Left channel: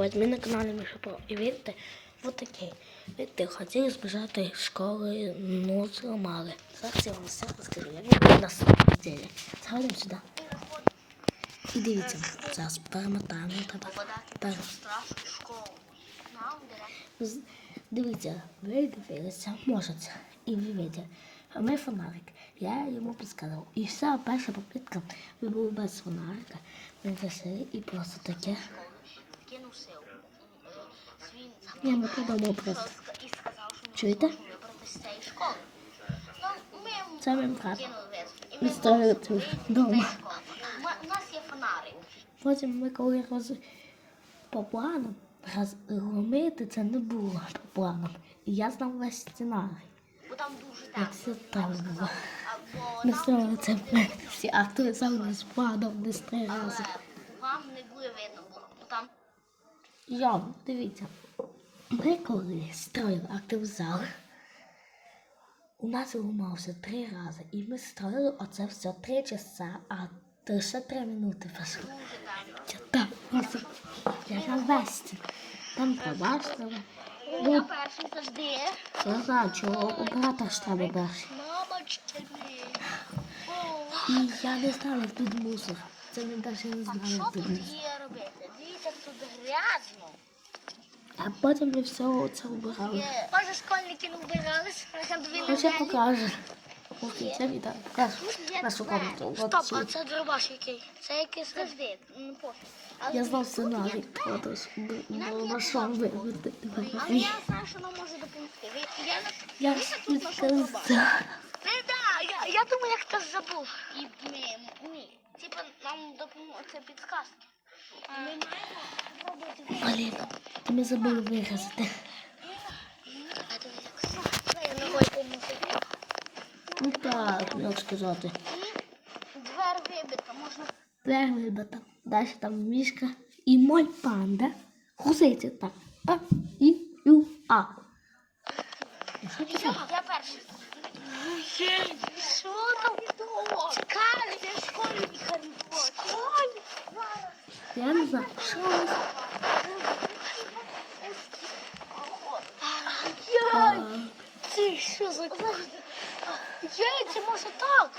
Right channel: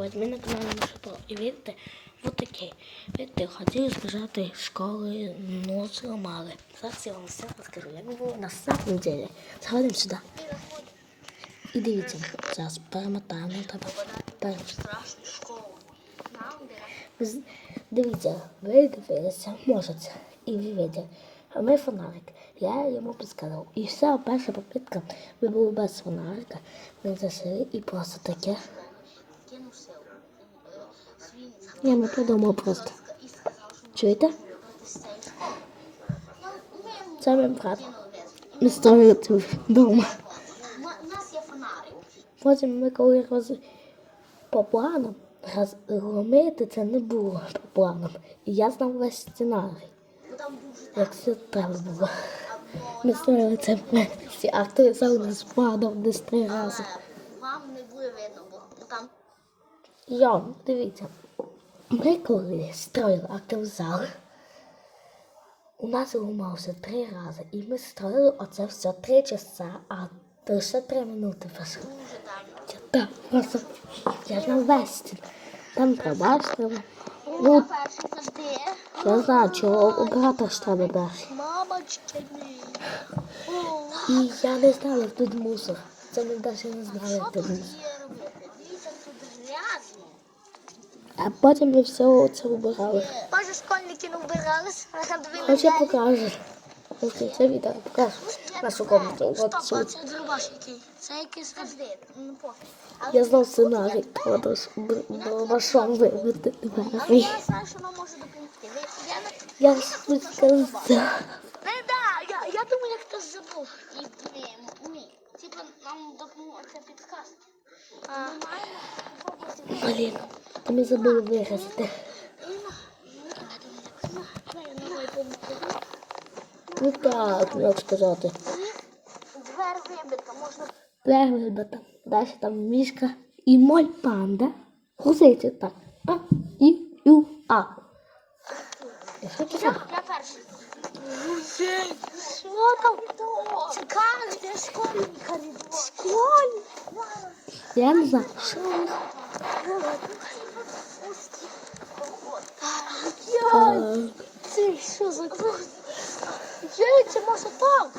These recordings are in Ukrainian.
Ось ми на каналі. І видите, от такий. Видите, хотіли збежати з школи, но зламали. Зараз я вам все розкажу. Я не буду на неділі. Заходимо сюди. І дивіться, зараз перемотаємо треба. Пер... страшну школу. Нам З- Дивіться, ви дивилися, можете. І ви видите. А ми фонарик. Я йому підказав. І вся перша попитка, ми були без фонарика. Ми зайшли і просто таке. Я не подумав просто. Чуєте? Це мій брат. І Ми строїли тут вдома. Потім ми коли роз... по планам розгромити це не було по планам. І я знав весь сценарій, як все треба було. Ми строїли це. Всі актори зал нас падав десь три рази. вам не буде видно, бо там Я, дивіться, ми коли строїли зал, у нас ламався три рази. І ми строїли оце все три часа, а лише три минути пішло. так просто я на весті. Там пробачили. Ну, я знаю, чого оператор ж треба перший. І я не знаю, як тут мусор. Це ми навіть не знали, як тут мусор. є робити? Дивіться, тут грязно. А потім ми все це убирали. Може, школьники не вбиралися? Хоч я покажу. Ось це відео покажу. Нашу комнату. Стоп, а це дробаш який? Це якийсь розвід. Ну, Я знав сценарій. Отож, башом вибити але я знаю, що нам може допомогти. Я не... Сказав. Не, да, я, я думаю, як хтось забув. Ми, ми, типа, нам допоможе це підказки. Блін, то ми забули вирізати. Ну так, як сказати. Двер вибита, можна Двері вибита. Далі там мішка і мой панда. Гуситься так. А, і, ю, а. Я, я перший. Що там? Школьника не було. Школьник? Я не знаю. Це що за Яй, це може так?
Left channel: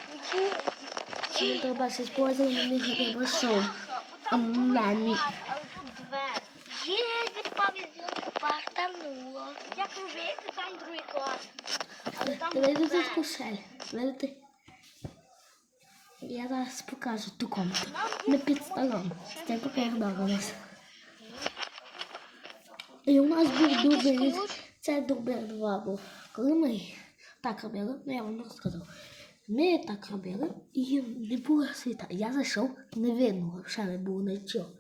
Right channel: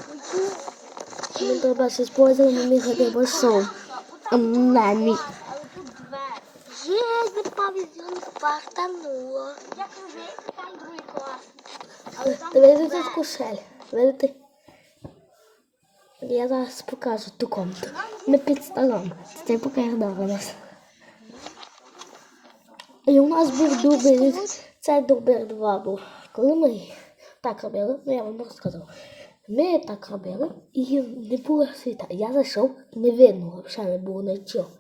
Ми треба ще спользувати мені хоча б шоу. А мамі. Є, не пам'ятаю, партануло. Я кажу, там другий клас. Давай Дивіться тут кушель. Видите? Я зараз покажу ту комнату. Ми під столом. Це у нас. І у нас був дубль. Це дубль 2 був. Коли ми так робили, ну я вам розказав. Ми так робили і не було світа. Я зайшов, не видно, ще не було нічого.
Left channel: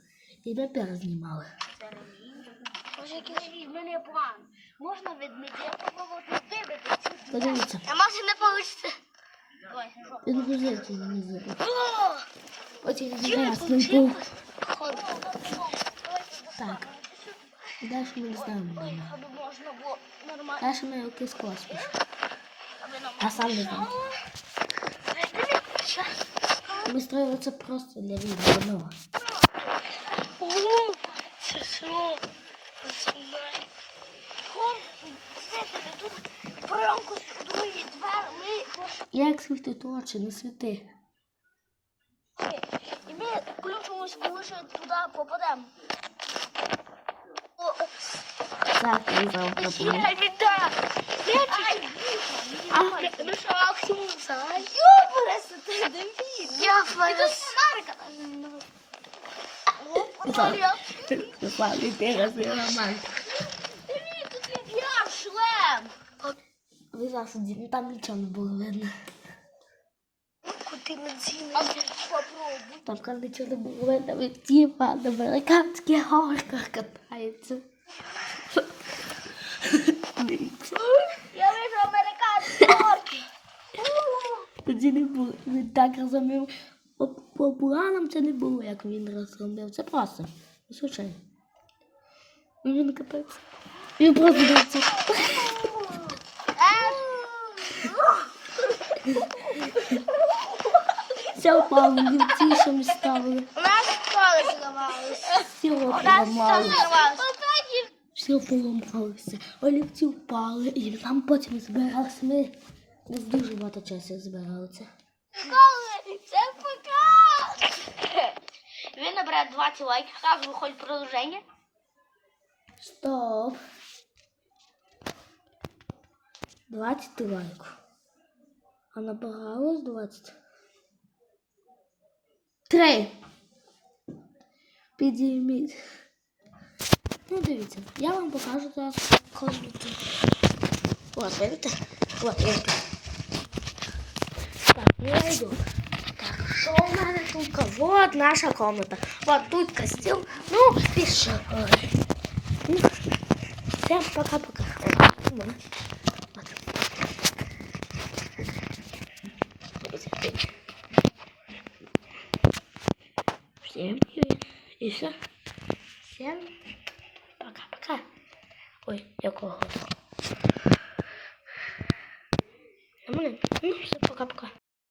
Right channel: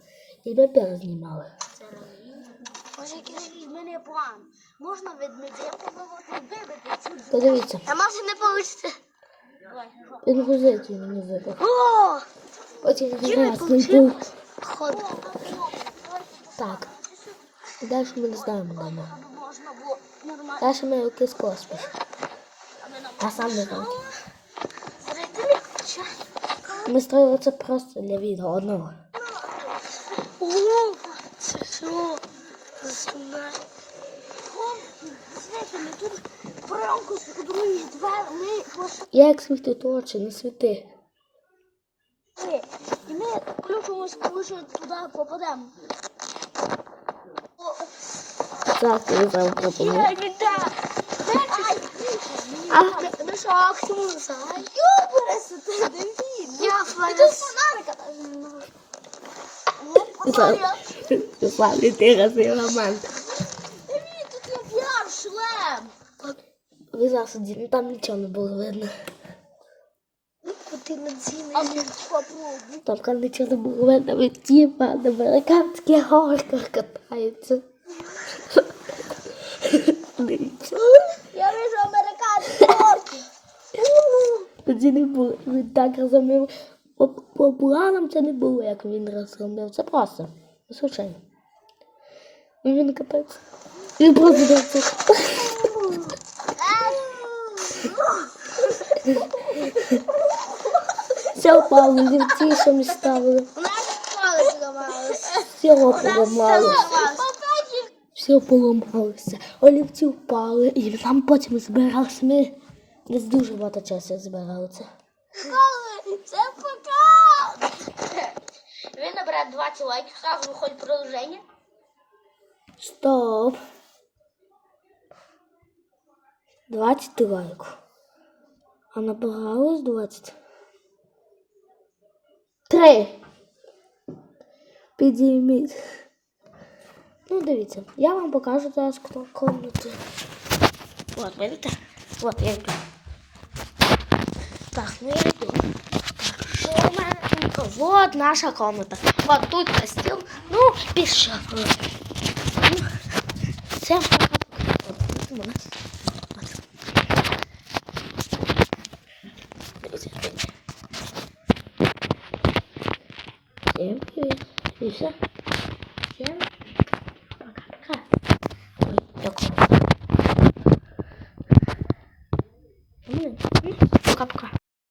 І ми перезнімали. Може. Можна відмітити, ну от не вибити цю То дивіться, А може не вийде? Він гузить мені вибив. О! Потім ясний був. Ходу. Так. Далі ми не знаємо дома. Ходу можна було нормально. Далі ми якийсь космос. А сам не знаю. Ми строїли це просто для відео одного. О, це що? Знаю. Знаєте, ми тут промку Як світить очі, не світи. І ми включимось, коли ще туди попадемо. Так, ти. Ай, не так! А, Ну що, Ахтун, Йоберися, ти Давід! Я фанат. Славі, ти разний роман. Давід, тут є п'яв шлем! Ви засуді, ну там нічого не було видно. Куди на ціни? Там там нічого не було видно, від тіпа на американських горках катається. Я вижу американські горки. Тоді не було. Він так розумів. По, по планам це не було, як він розробив. Це просто. Звичайно. Ну, Він катається. Він просто дивиться. Це впав, лівці, що ми ставили. У школи зламалися. Все поламалося. Все поламалося. Олівці впали, і там потім збиралися. Ми десь дуже багато часу збирали це. Це пока. Він набере 20 лайків, сразу виходить продовження. Стоп. 20 лайків. А набиралось 20. Три. Підійміть. Ну, дивіться, я вам покажу зараз комнату. От, видите? Вот, я йду. Так, ну я йду. Так, що у мене тут? Вот наша комната. Вот тут стіл. Ну, пішов. Ну, Всем пока-пока. gameplay. Isso.